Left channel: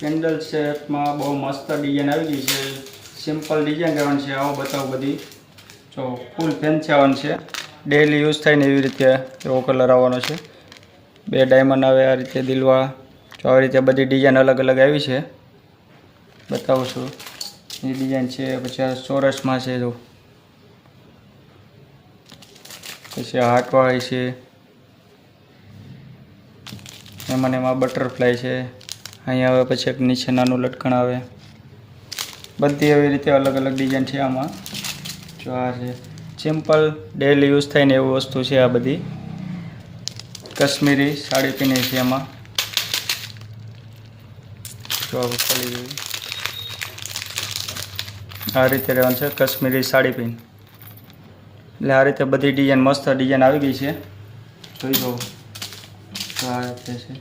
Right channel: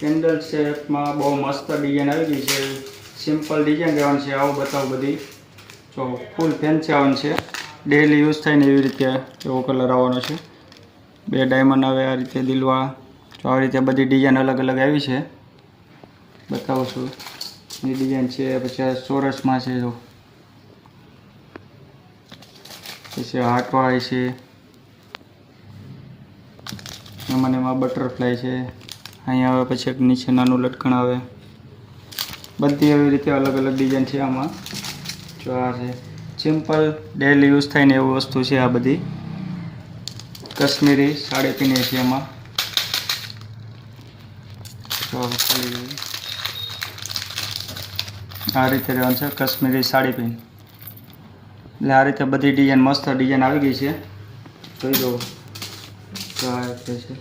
Candle સેટમાં બહુ મસ્ત ડિઝાઇન આવી ગઈ છે. સિમ્પલ ડિઝાઇન રહેવાની છે. આવું બતાવું બધી જો ફૂલ ફેન્સી આવવાનું છે. ડેલી યુઝ થાય ને એવી રીતે એવો કલર આવવાનો છે. 2 ડાયમંડ આવે આ રીતે દિલવા. જો આવી રીતે બધી ડિઝાઇન અલગ અલગ આવી છે. બતાવું છું એ ડિઝાઇન છે. પછી આ ચોરસમાં છે જો. પછી હાર્ટવાળી છે. એમાં બટરફ્લાય છે. અહીંયા આવે પછી એક નીચે નાનું લટકણ આવે. બધી એવી રીતે અલગ અલગ ડિઝાઇન છે આમાં. જો આ છે સિમ્પલ ડેલી યુઝ થાય ને એવું વસ્તુ છે. આ બધી કાશ્મીરી સાડી પીની છે એમાં. જો આ રીતે રહેવાનું છે કાશ્મીરી સાડી પીન. એટલે આ રીતે બધી ડિઝાઇન મસ્ત ડિઝાઇન આવી ગઈ છે. જોઈ દો આ રીતે છે.